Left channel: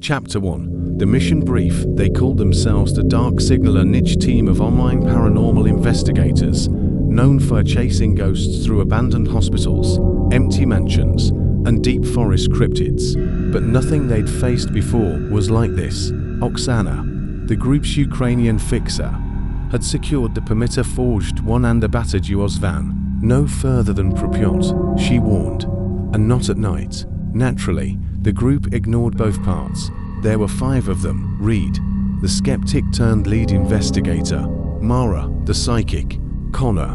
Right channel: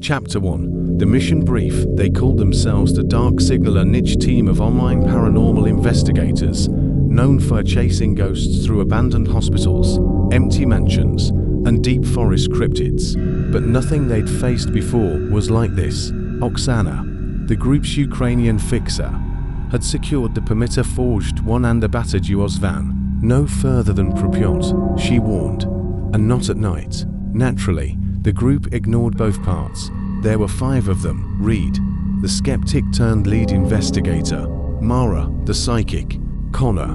Chapter 1. The mission brief. They called themselves the Dark Signaler, niche team of online paranormal investigators, known for chasing ghosts through abandoned hospitals, empty mansions, and deep forest cryptids. But nothing they'd faced before was like this. Oksana, the group's Ukrainian fixer, had secured the perimeter-forged one and a battered UAZ van. No further than Pripyat, she warned. And not at night. Naturally, the group ignored both parts. There were 5 of them: Reed, the skeptic turned lead investigator; Mara, the psychic; Connor,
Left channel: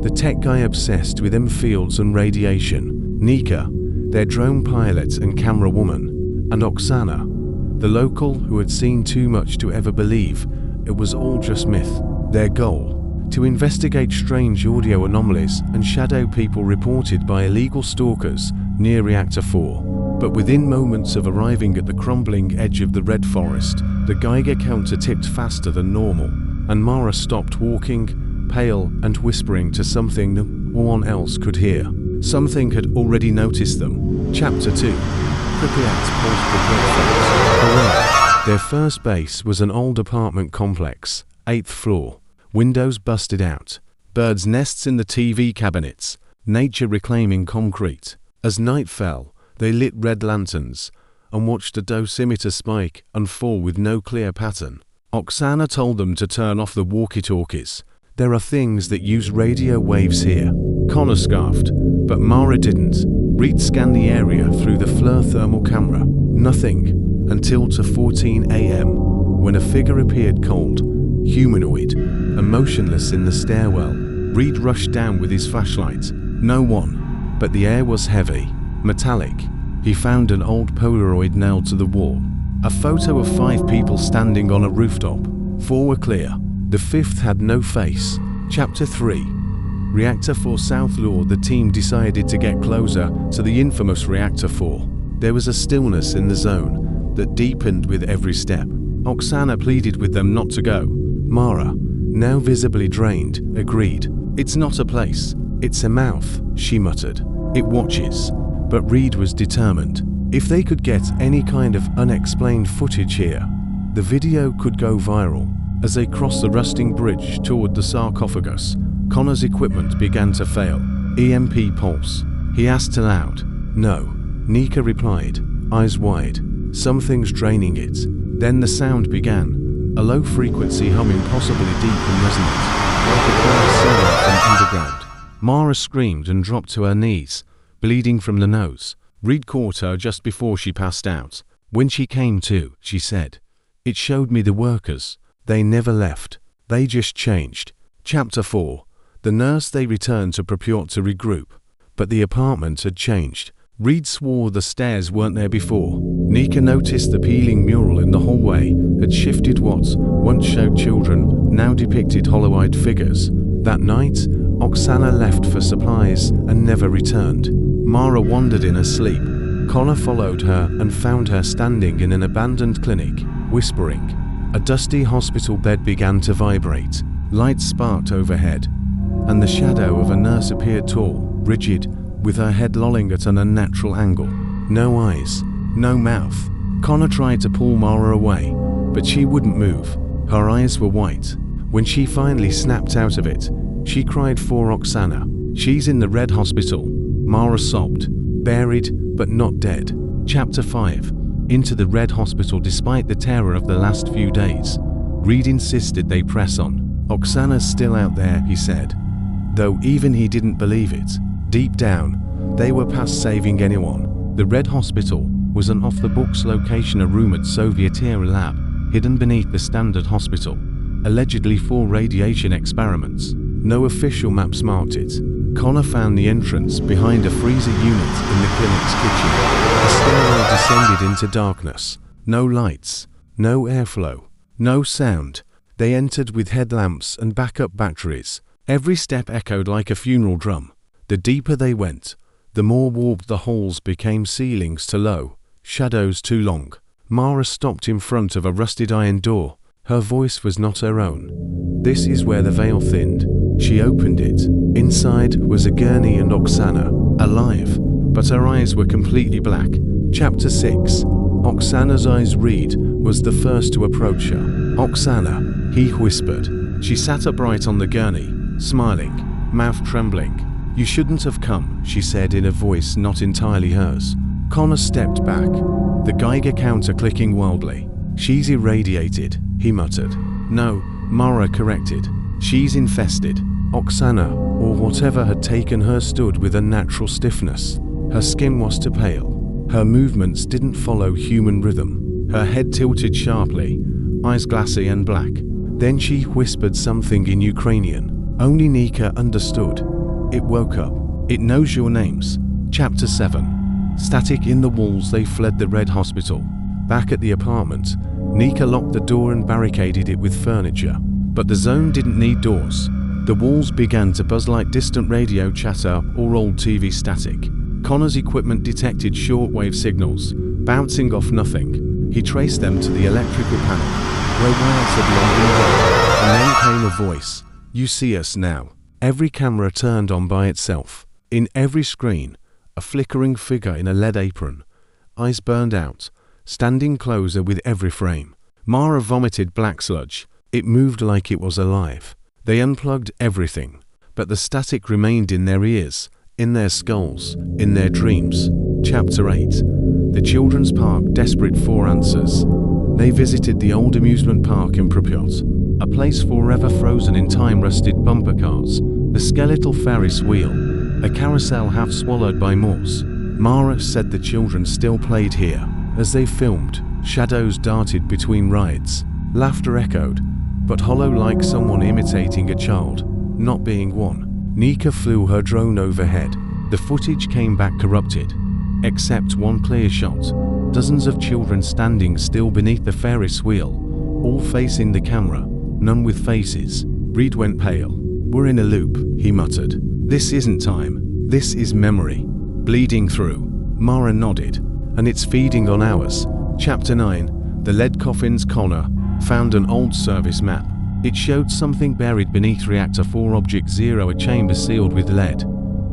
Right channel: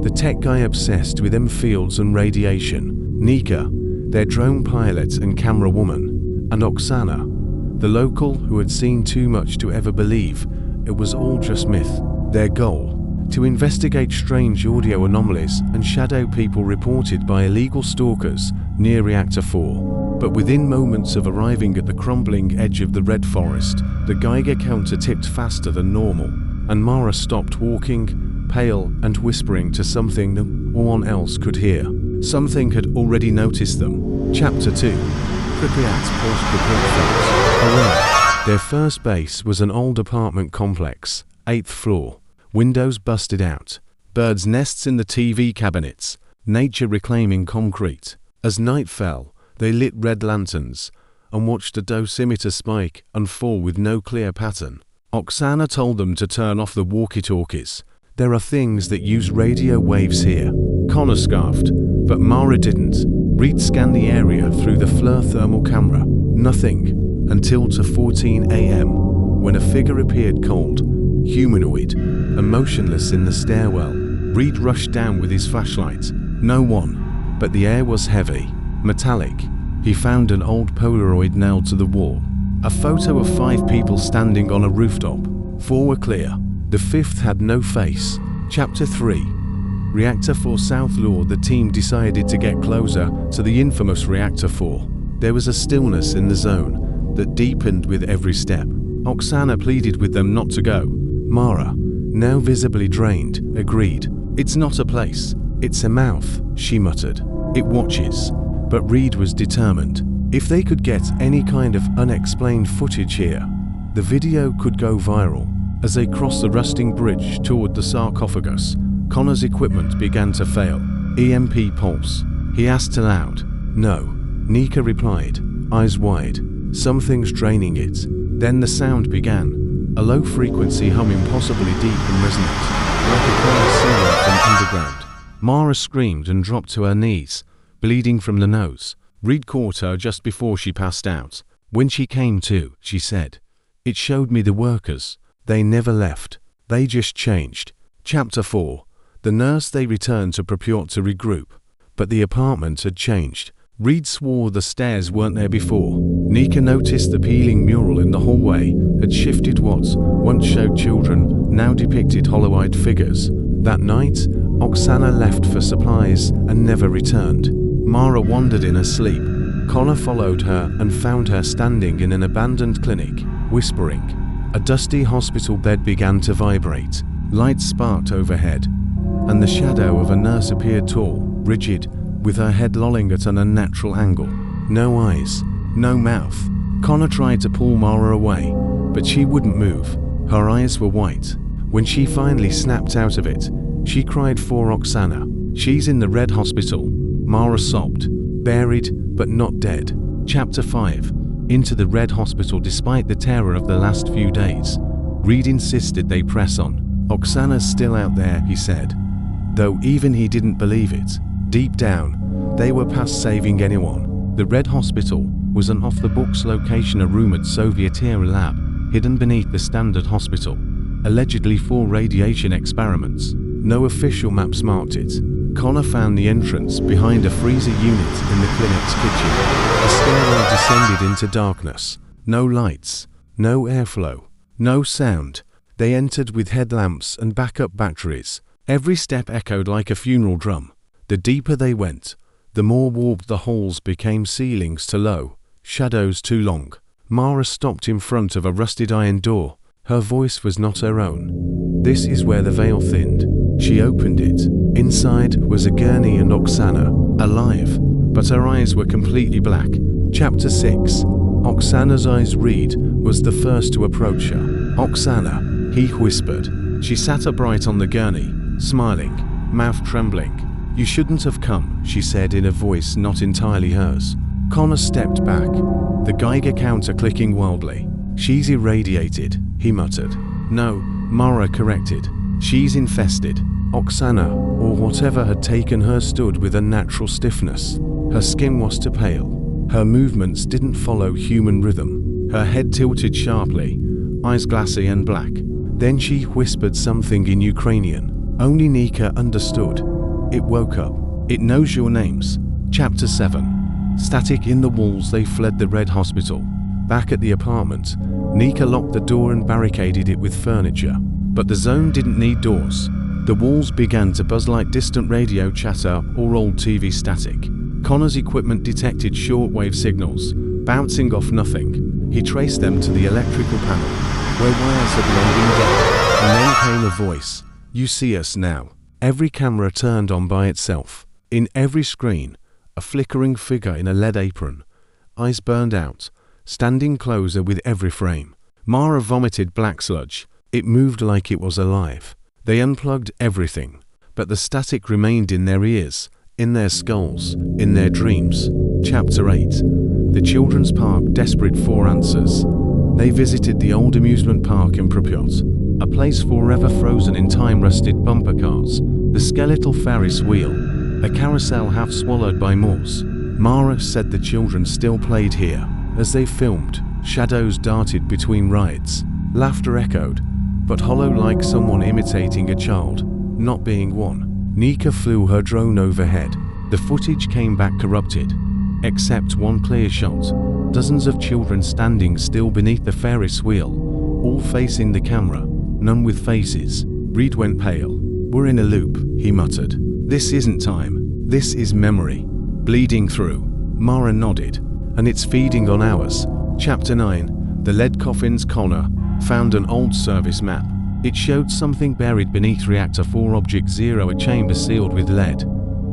the tech guy obsessed with M fields and radiation; Nika, their drone pilot and camera woman; and Oksana, the local who had seen too much to ever believe it was all just myth. Their goal: to investigate strange audio anomalies and shadow people reported by illegal stalkers near Reactor 4. But within moments of arriving at the crumbling edge of the red forest, the Geiger counter tipped faster than normal, and Mara stopped walking, pale and whispering to something no one else could hear. Something had already noticed them. Chapter 2. Pripyat's post-Pripyat phase. Aware. Their first base was an old apartment complex, 8th floor. Windows busted out, birds' nests in the TV cabinets, nature reclaiming concrete. As night fell, they lit red lanterns and watched a dosimeter spike and fall with no clear pattern. Oksana told them to turn off the walkie-talkies. There are things that use radio waves here. Connor scarfed, but Mara didn't. Reed scanned the area through the FLIR thermal camera. Nothing, until 2:14 a.m., when a figure appeared cold, humanoid, and motionless in the stairwell. Reed rushed down with his flashlight. No one. But the air was heavy, metallic. He found an old Polaroid nailed to the wall. A photo of 5 people standing on a rooftop. 4 were clear. The 5th had no face. Chapter 3. Reactor 4 South Law. The team decided to get closer to the infamous Reactor 4. There was a stillness in the zone that deepened with every step. Oksana pleaded with them not to go. Mara, now visibly drained, agreed. It's not a place. It's a mouth, she muttered. It watches. But Reed was determined. If they could get any kind of unexplained footage here, the video could go viral. As they crossed the rusting bridge toward the sarcophagus, Connor's equipment began to fail. EMP pulse. He asked aloud. No. Nika replied, eyes wide. Something's draining it. Then the sound began. A low-frequency humming, possibly deep and resonant, like a choir singing from underground. Mara screamed and dropped to her knees, bleeding from the nose. Reed caught her just before she passed out. When she came to, she said, "It showed me the workers. They never left. They just changed." Chapter 4. The nurse. They returned to Pripyat to regroup. But the apartment had changed. Reed swore the stairs weren't there before. Nika noticed the peeling mural in the hallway had shifted. What once showed children now depicted hollow-eyed figures. That night, Oksana left for supplies and never returned. Mara wandered in her sleep. Connor followed her and found her standing in an abandoned clinic, whispering. A dusty hospital bed began to vibrate. Lights sparked overhead, and the shadow of a nurse appeared tall, rigid, with her head lolling at an unnatural angle. No eyes, no mouth. Connor tried to pull Mara away, but she wouldn't move. Her eyes were white. When she finally snapped out of it, she cried for Oksana. She's in the red hospital. Mara sobbed. Buried, but not dead. Chapter 5. Into the red hospital. Despite the terror of the last few days, Reed insisted they press on. Oksana's still out there, he said. Though even he didn't believe it. Deep down, they were past saving anyone. The red hospital was an off-the-books location, a rumored Soviet-era lab, hidden beneath the standard hospital, allegedly for radiation experiments. No official maps marked it. Connor found the entrance behind a freezer unit in the clinic's kitchen. The stairwell descended into darkness. No lights, no airflow, no sound. They entered with headlamps and backup batteries. Every step echoed like a funeral drum. The deeper they went, the more warped the halls became. Ceilings too low, shadows too long. Mara stopped in front of a rusted iron door. Her voice was not her own. This is where the veil thinned. She opened it. Inside was a gurney and Oksana, alive, but her eyes were completely black. Chapter 6. Oksana's eyes. Reed was the first to approach her. "Oksana," he whispered. She sat upright on the gurney, smiling, mouth trembling. "You shouldn't have come," she said in a voice not entirely hers. Connor stepped back, the Geiger counter clicking wildly. "She's irradiated," he muttered. "No," Mara corrected. "She's infested." Oksana, or whatever had taken her, stood with a natural stiffness. Her skin was too pale. Her movements didn't follow human rhythm. Her head tilted sharply, eyes glassy and black. Then she whispered something in Ukrainian. Only Nika understood. It woke up. "It knows your names." Chapter 7. Static in the walls. They fled the Red Hospital. Back at the apartment, Nika locked the door and barricaded it with furniture. But the zone didn't need doors. The walls began to buzz like distant radio chatter or old TV static. Connor's equipment detected shortwave signals, bouncing off nothing. He traced them to the electrical panel, where wires had long been dead, and then came a voice. "You see us now." Every camera turned on by itself. In every screen, a flickering figure in a lead apron. Eyes burned out, standing closer with every frame. Mara vomited black sludge. It moved like it was alive. They unplugged everything, but the static remained in their ears, in their skulls, in their dreams. Chapter 8. The Children's Park, desperate for answers. They visited the old amusement park in Pripyat, a place forever frozen in time-rusted bumper cars, the skeletal Ferris wheel, a carousel half swallowed by moors. Mara said the children still played here. As they filmed, shadows darted between rides. Laughter echoed, but hollow like someone imitating a child, not being one. Nika flew her drone overhead. The footage came back corrupted, except one clear shot. Dozens of children standing still beneath the Ferris wheel, all facing the camera, none with faces. Reed went pale. "We're in a loop," he muttered. "This isn't time. This is memory. Bleeding through." Mara nodded. "And it's feeding on ours." Chapter 9. The lead coffins. Connor found an old service map. It showed something buried beneath Reactor 4 Object 0, a chamber sealed with lead,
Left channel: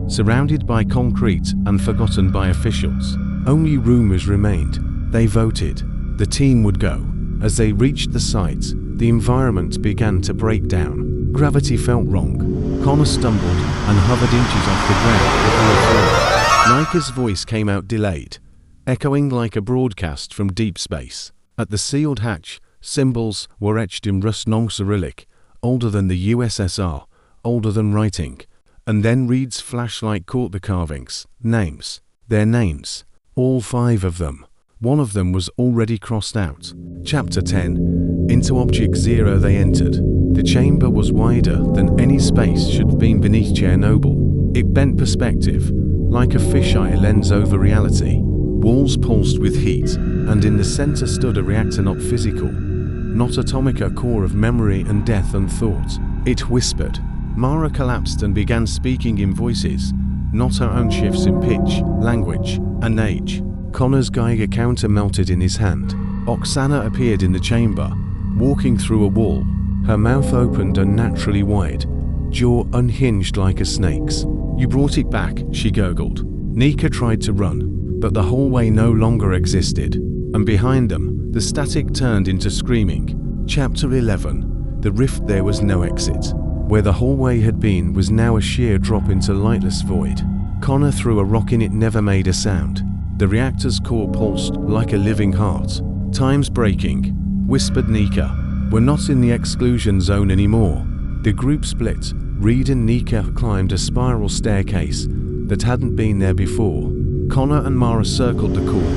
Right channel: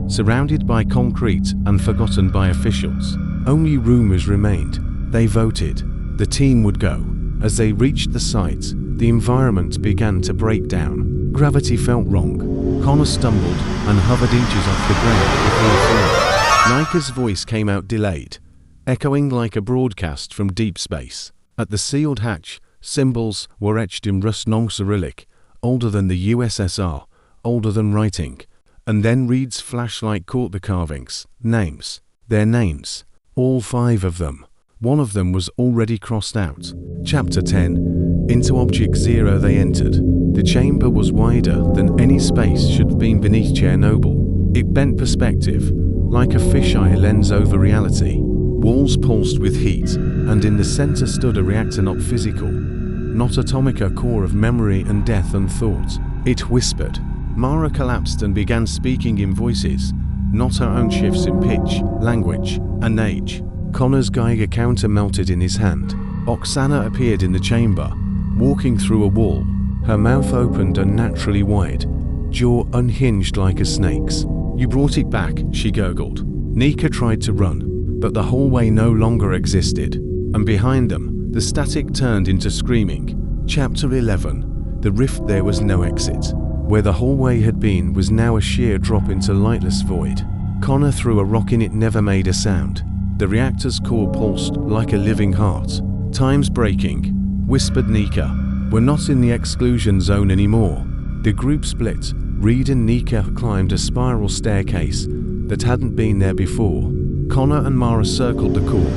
surrounded by concrete and forgotten by officials. Only rumors remained. They voted. The team would go. As they reached the site, the environment began to break down. Gravity felt wrong. Connor stumbled and hovered inches off the ground before falling. Nika's voice came out delayed, echoing like a broadcast from deep space. At the sealed hatch, symbols were etched in rust, non-Cyrillic, older than the USSR, older than writing. And then Reed's flashlight caught the carvings. Names. Their names. All 5 of them. One of them was already crossed out. Chapter 10. Into Object 0 they entered. The chamber was wider than any space should have been beneath Chernobyl. It bent perspective, like a fisheye lens over reality. Walls pulsed with heat, and in the center stood a reactor, not physical, not atomic, a core of memory and death and thought. It whispered. Mara collapsed and began speaking in voices, not her own, shifts in pitch, language, and age. Connor's Geiger counter melted in his hand. Oksana appeared in the chamber, walking through a wall, her mouth opened unnaturally wide, jaw unhinged like a snake's. "You brought it back," she gurgled. Nika tried to run, but the hallway no longer existed, and behind them, the static turned into screaming. Chapter 11. The rift. There was no exit. Where the hallway had been was now a sheer drop into lightless void. Connor threw a rock in. It never made a sound. The reactor's core pulsed like a living heart. "Time's breaking," whispered Nika. "We're not in the exclusion zone anymore." The group split. Reed and Nika climbed a spiral staircase that hadn't been there before. Connor and Mara circled the core,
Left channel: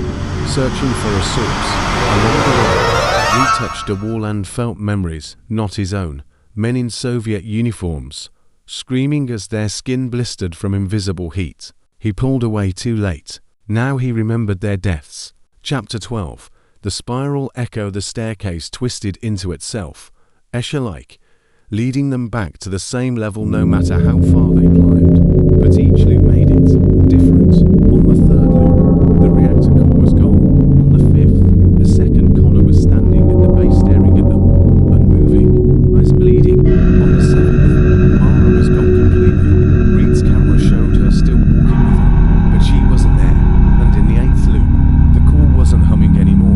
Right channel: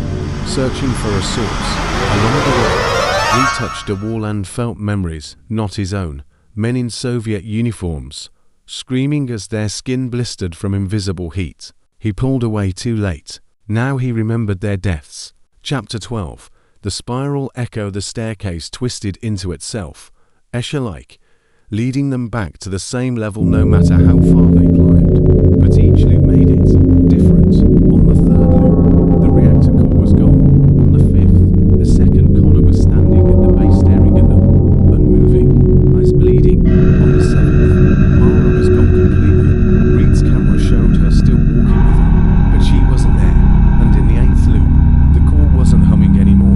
searching for a source. Along the way, Reed touched a wall and felt memories, not his own. Men in Soviet uniforms, screaming as their skin blistered from invisible heat. He pulled away too late. Now he remembered their deaths. Chapter 12. The spiral echo. The staircase twisted into itself, Escher-like, leading them back to the same level no matter how far they climbed. But each loop made it different. On the 3rd loop, the reactor core was gone. On the 5th, a second, Connor was standing at the base staring at them, unmoving, eyes bleeding. On the 7th, Mara was gone completely. Reed's camera showed her still walking with him, but she wasn't there. And in the 8th loop, the core wasn't humming anymore.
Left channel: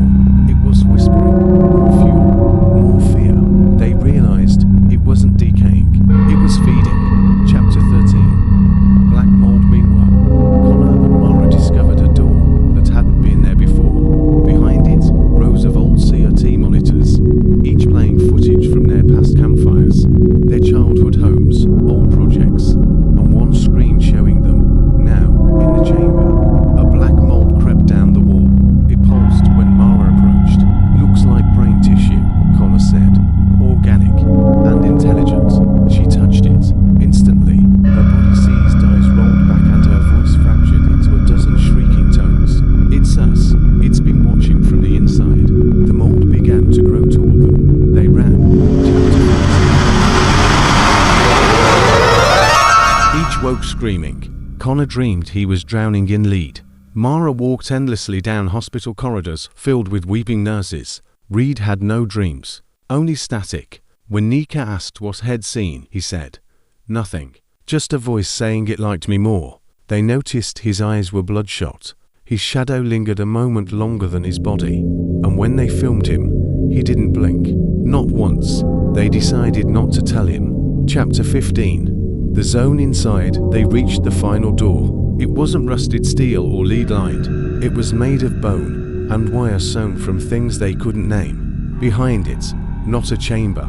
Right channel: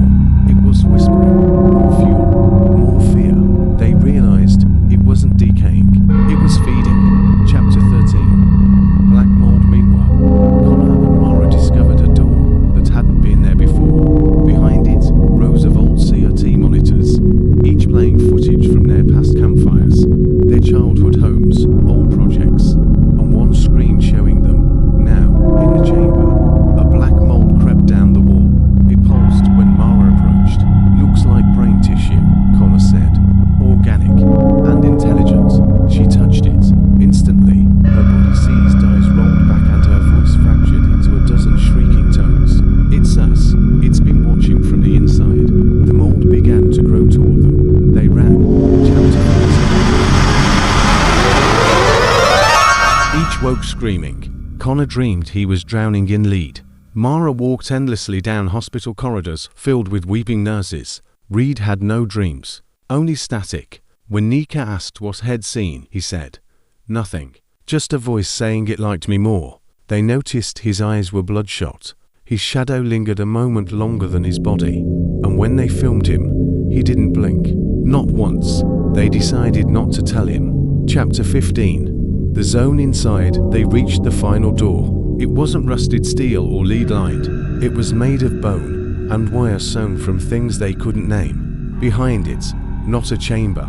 woke screaming. Connor dreamed he was drowning in lead. Mara walked endlessly down hospital corridors filled with weeping nurses. Reed had no dreams, only static. When Nika asked what he'd seen, he said, "Nothing. Just a voice saying it liked me more." They noticed his eyes were bloodshot. His shadow lingered a moment longer than his body, and when they filmed him, he didn't blink. Not once. They decided not to tell him. Chapter 15. The zone inside. They reached the final door. It wasn't rusted steel or lead-lined. It was made of bone and wire sewn from things they couldn't name. Behind it, not a chamber,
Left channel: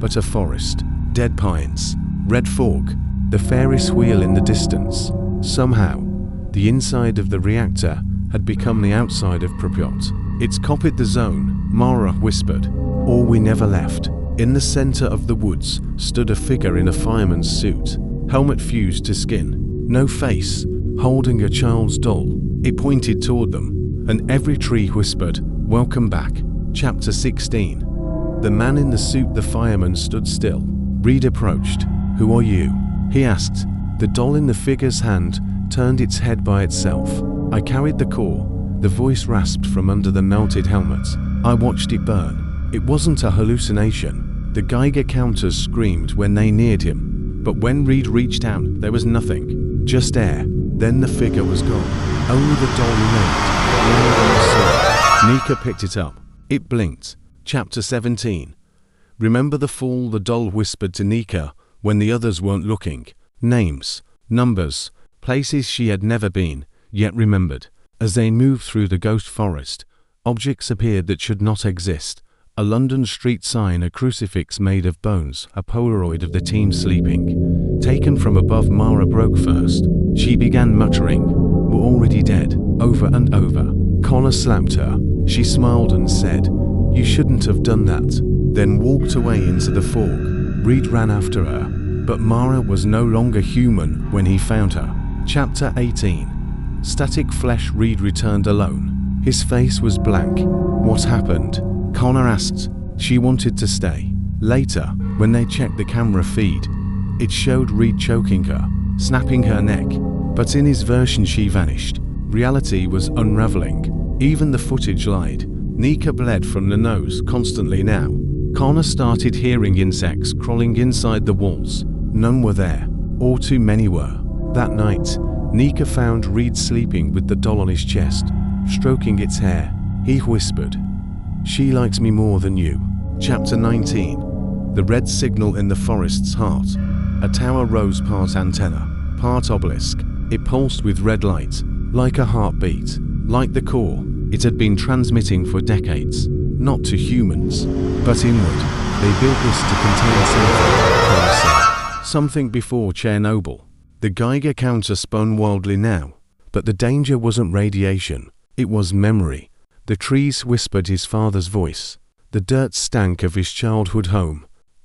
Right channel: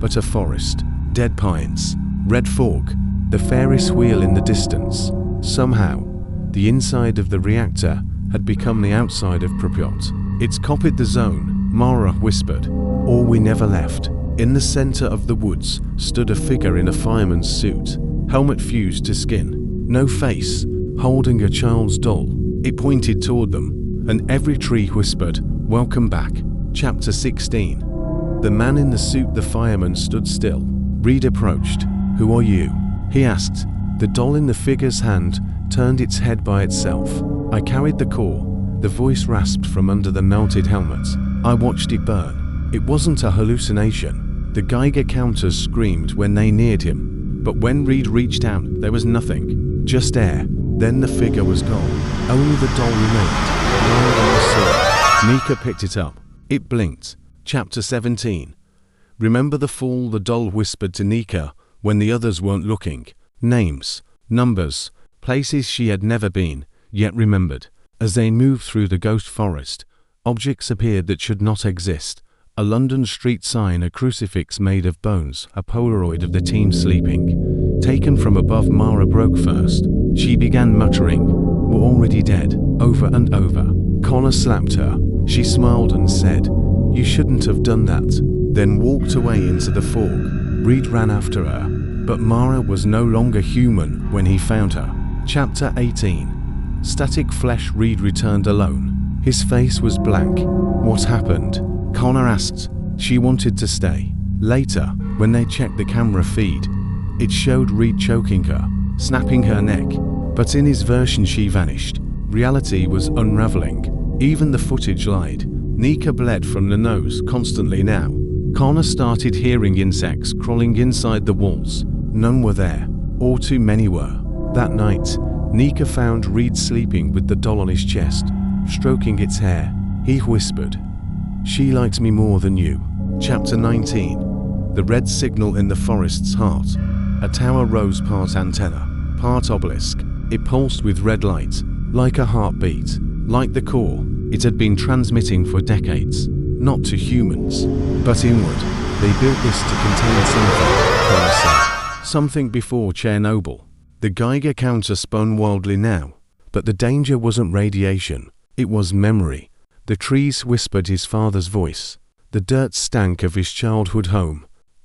but a forest. Dead pines. Red fog. The Ferris wheel in the distance. Somehow, the inside of the reactor had become the outside of Pripyat. "It's copied the zone," Mara whispered. "Or we never left." In the center of the woods stood a figure in a fireman's suit, helmet fused to skin. No face, holding a child's doll. It pointed toward them, and every tree whispered, "Welcome back." Chapter 16. The man in the suit, the fireman, stood still. Reed approached. "Who are you?" he asked. The doll in the figure's hand turned its head by itself. "I carried the core," the voice rasped from under the melted helmet. "I watched it burn. It wasn't a hallucination." The Geiger counters screamed when they neared him, but when Reed reached out, there was nothing, just air. Then the figure was gone. Only the doll remained, lying on the soil. Nika picked it up. It blinked. Chapter 17. Remember the fall? The doll whispered to Nika when the others weren't looking. Names, numbers, places she had never been, yet remembered. As they moved through the ghost forest, objects appeared that should not exist. A London street sign, a crucifix made of bones, a Polaroid of the team sleeping. Taken from above, Mara broke first. She began muttering, "We're already dead," over and over. Connor slapped her. She smiled and said, "You shouldn't have done that," then walked away into the fog. Reed ran after her, but Mara was no longer human when he found her. Chapter 18. Static flesh. Reed returned alone. His face was blank. "What happened?" Connor asked. She wanted to stay. Later, when they checked the camera feed, it showed Reed choking her, snapping her neck. But in his version she vanished. Reality was unraveling. Even the footage lied. Nika bled from the nose constantly now. Connor started hearing insects crawling inside the walls. None were there, or too many were. That night, Nika found Reed sleeping with the doll on his chest, stroking its hair. He whispered, "She likes me more than you." Chapter 19. The red signal in the forest's heart. A tower rose, part antenna, part obelisk. It pulsed with red light, like a heartbeat. Like the core, it had been transmitting for decades. Not to humans, but inward. They built this to contain something, Connor said. Something before Chernobyl. The Geiger counter spun wildly now. But the danger wasn't radiation. It was memory. The trees whispered his father's voice. The dirt stank of his childhood home.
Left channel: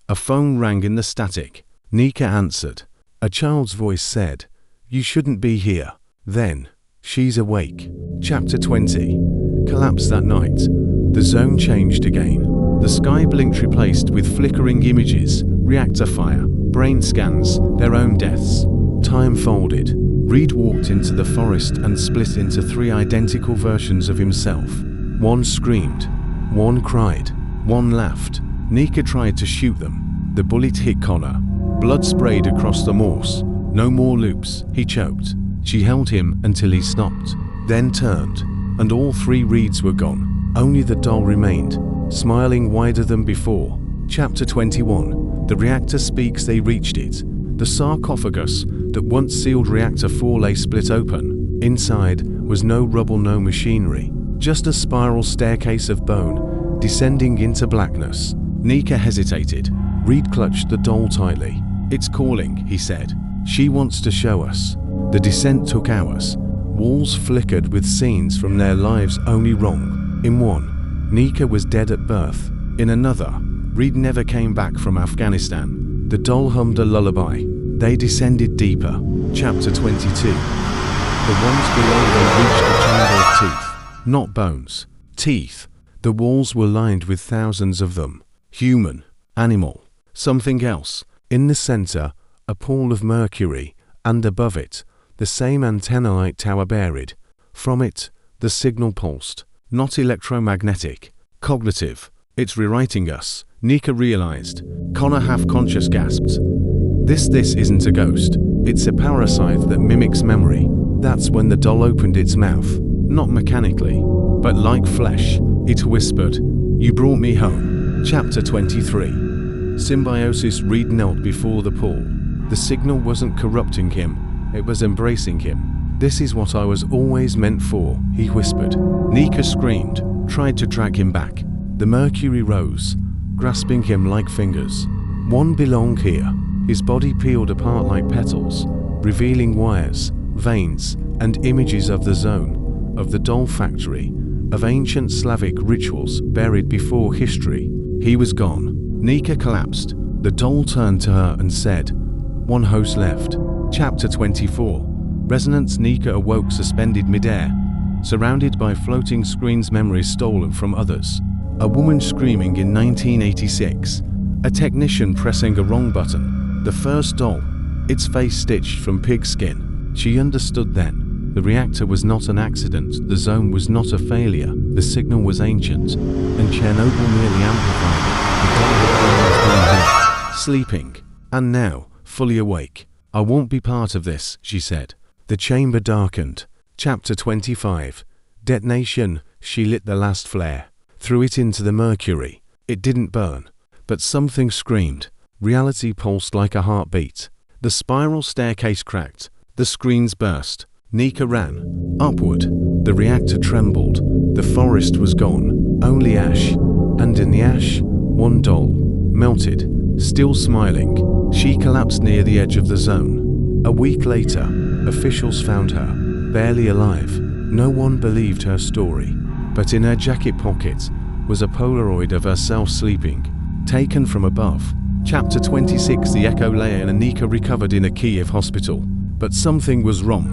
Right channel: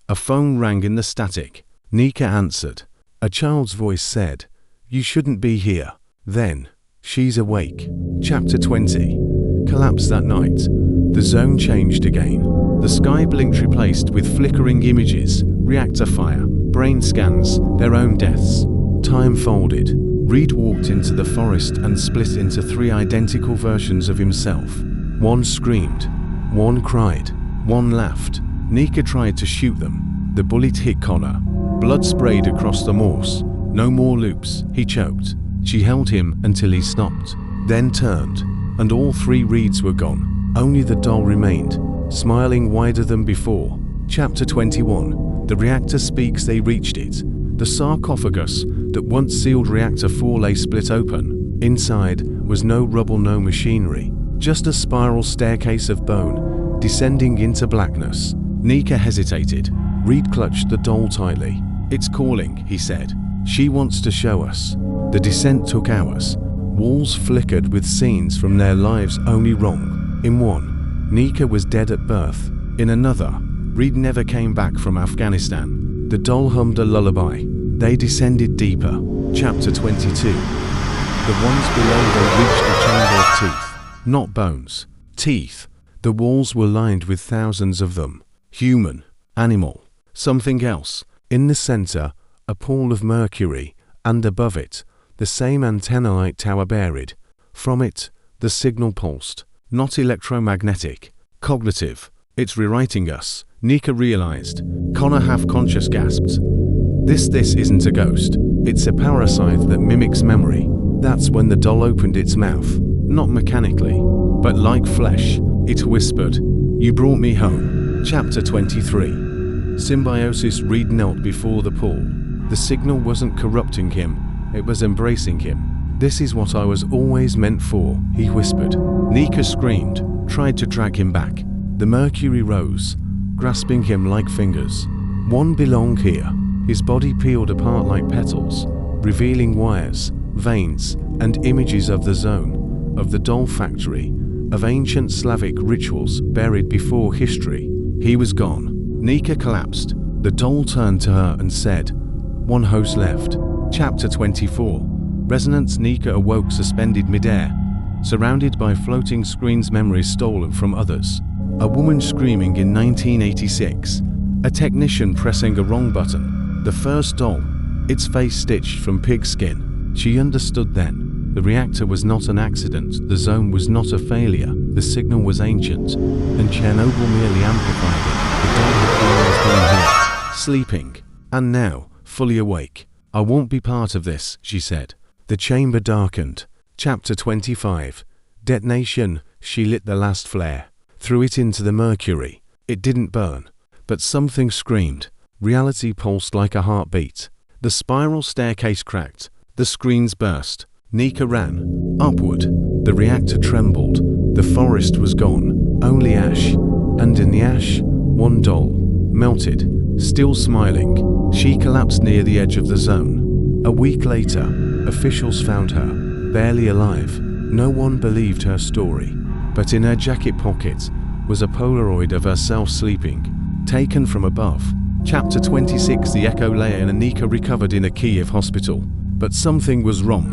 A phone rang in the static. Nika answered. A child's voice said, "You shouldn't be here." Then, "She's awake." Chapter 20. Collapse that night. The zone changed again. The sky blinked, replaced with flickering images, reactor fire, brain scans, their own deaths. Time folded. Reed walked into the forest and split into 3 identical versions of himself. One screamed, one cried, one laughed. Nika tried to shoot them. The bullet hit Connor. Blood sprayed across the moss. No more loops, he choked. She held him until he stopped, then turned, and all 3 Reeds were gone. Only the doll remained, smiling wider than before. Chapter 21. The reactor speaks. They reached it. The sarcophagus that once sealed Reactor 4 lay split open. Inside was no rubble, no machinery, just a spiral staircase of bone, descending into blackness. Nika hesitated. Reed clutched the doll tightly. "It's calling," he said. "She wants to show us." The descent took hours. Walls flickered with scenes from their lives only wrong. In one, Nika was dead at birth. In another, Reed never came back from Afghanistan. The doll hummed a lullaby. They descended deeper. Chapter 22. The ones below, they reached a chamber of teeth. Not bones. Teeth. The walls were lined with thousands of them. Human. Animal. Something else. In the center, a pool of mercury. and above it, the same antenna-like tower buried. From it, the signal pulsed. Not electromagnetic, cognitive. It's rewriting us, Nika realized. Connor half-conscious gasped. This isn't a ghost. It's a parasite that mimics memory. That's when the doll opened its mouth. Not mechanically, but like flesh. It whispered, "You brought me home." Chapter 23. Symbiosis. Reed knelt before the pool. The signal wasn't corrupting him, it was embracing him. "This is what I was always meant for," he whispered. Nika screamed, tried to drag him back. The mercury rose, grasping him like fingers. One belonged here. His body peeled apart like petals, revealing wires, veins, and images of the zone, of the doll factory, of ancient Slavic rituals buried before history. He was gone. Nika collapsed. The doll turned to her and said, "One host left." Chapter 24. Resonance. Nika awoke suspended midair, surrounded by floating screens, memories stolen from others. A woman screaming in 1986. A technician pressing a wrong button. The first doll, its face stitched from pig skin. She understood then. The reactor was not an accident, the zone was not a failure, the signal was ancient, and Chernobyl merely amplified it. The doll had always been here, sleeping, and now, fully awake. "I won't be part of this," she said. The chamber darkened. Chapter 25. Detonation. She lit the last flare, threw it into the mercury. It didn't burn, but something screamed. Reality pulsed like a heartbeat. The spiral staircase cracked. The screens burst. Nika ran. Upward. The reactor trembled. The forest was gone. Only ash. And in the ash, one doll. Melted. Still smiling. She collapsed near the edge of the zone. A week later, officials found her, barely alive. No one believed her story. But in her jacket pocket was a Polaroid of herself sleeping, taken from above. Chapter 26. The echo layer. And Nika recovered in a Kiev hospital. But something was wrong.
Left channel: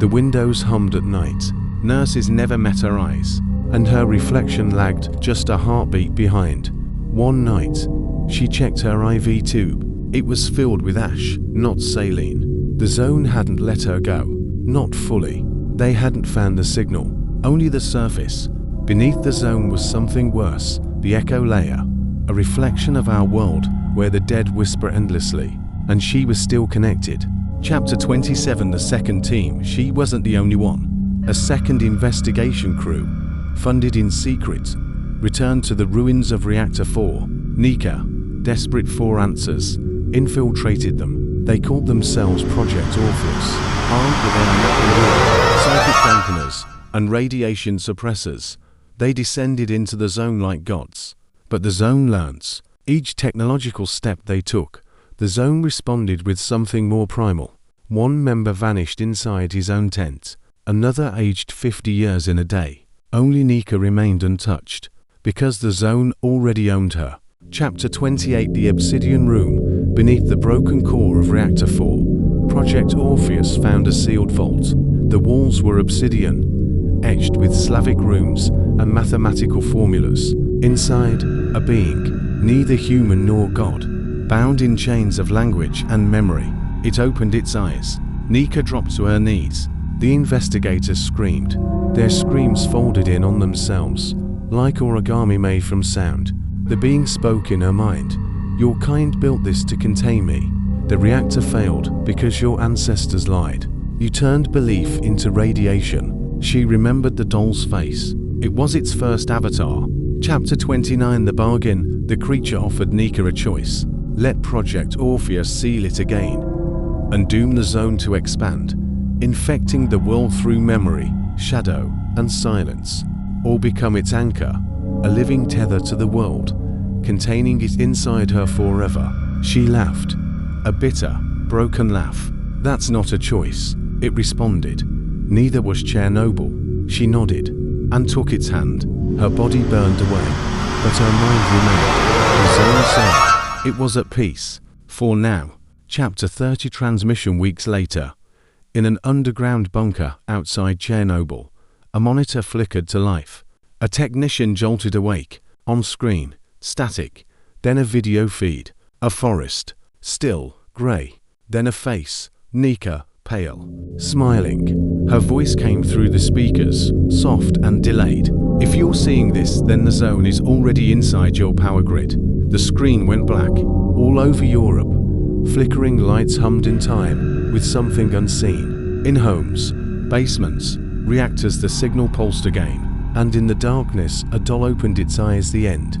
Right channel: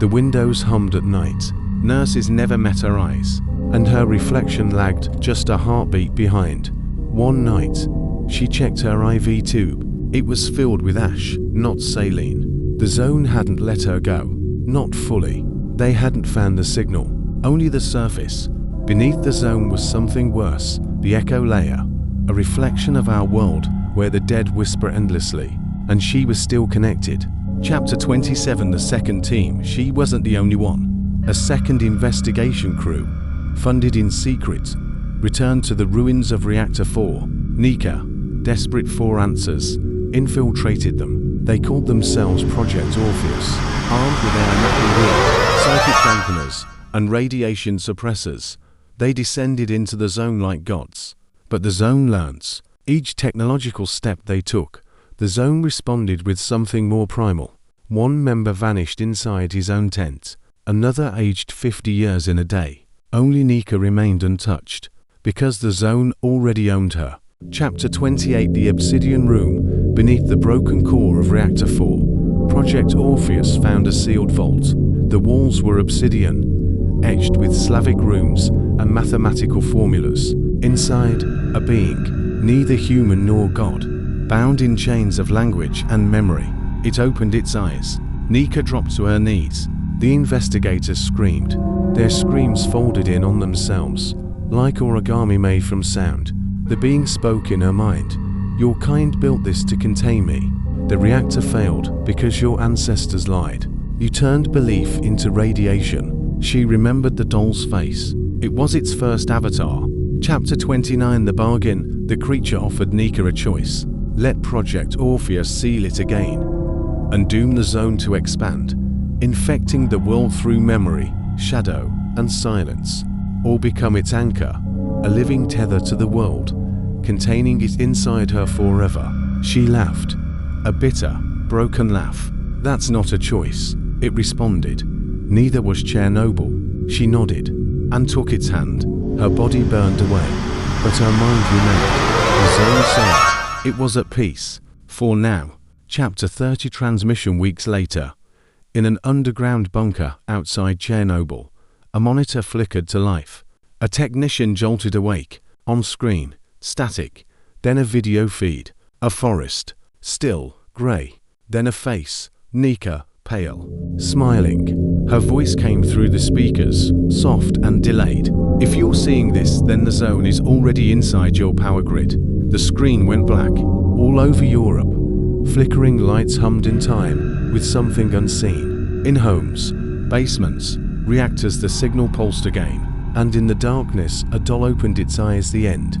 The windows hummed at night. Nurses never met her eyes, and her reflection lagged just a heartbeat behind. One night, she checked her IV tube. It was filled with ash, not saline. The zone hadn't let her go. Not fully. They hadn't found the signal, only the surface. Beneath the zone was something worse, the echo layer, a reflection of our world where the dead whisper endlessly, and she was still connected. Chapter 27. The second team. She wasn't the only one. A second investigation crew, funded in secret, returned to the ruins of Reactor 4. Nika, desperate for answers, infiltrated them. They called themselves Project Orpheus, armed with their napping gear, psychic dampeners, and radiation suppressors. They descended into the zone like gods. But the zone learns. Each technological step they took, the zone responded with something more primal. One member vanished inside his own tent. Another aged 50 years in a day. Only Nika remained untouched, because the zone already owned her. Chapter 28. The Obsidian Room. Beneath the broken core of Reactor 4, Project Orpheus found a sealed vault. The walls were obsidian, etched with Slavic runes and mathematical formulas. Inside, a being, neither human nor god, bound in chains of language and memory. It opened its eyes. Nika dropped to her knees. The investigators screamed. Their screams folded in on themselves, like origami made from sound. The being spoke in her mind. "Your kind built this to contain me. The reactor failed because your ancestors lied. You turned belief into radiation." She remembered the doll's face. It was its first avatar. Chapter 29. The bargain. The creature offered Nika a choice. Let Project Orpheus seal it again, and doom the zone to expand, infecting the world through memory, shadow, and silence, or become its anchor, a living tether to the world, containing it inside her forever. She laughed, a bitter, broken laugh. "That's not a choice," it responded. "Neither was Chernobyl." She nodded, and took its hand. Her body burned away, but her mind remained. The zone said it was at peace, for now. Chapter 30. Transmission. Weeks later, in an underground bunker outside Chernobyl, a monitor flickered to life. A technician jolted awake. On screen, static, then a video feed. A forest, still, grey, then a face. Nika, pale, smiling. Her voice came through the speakers, soft and delayed. "If you're seeing this, then the zone is already inside your power grid." The screen went black. All over Europe, flickering lights hummed in time with something unseen. In homes, basements, reactors, the signal pulsed again. And in the darkness, a doll opened its eyes. The end.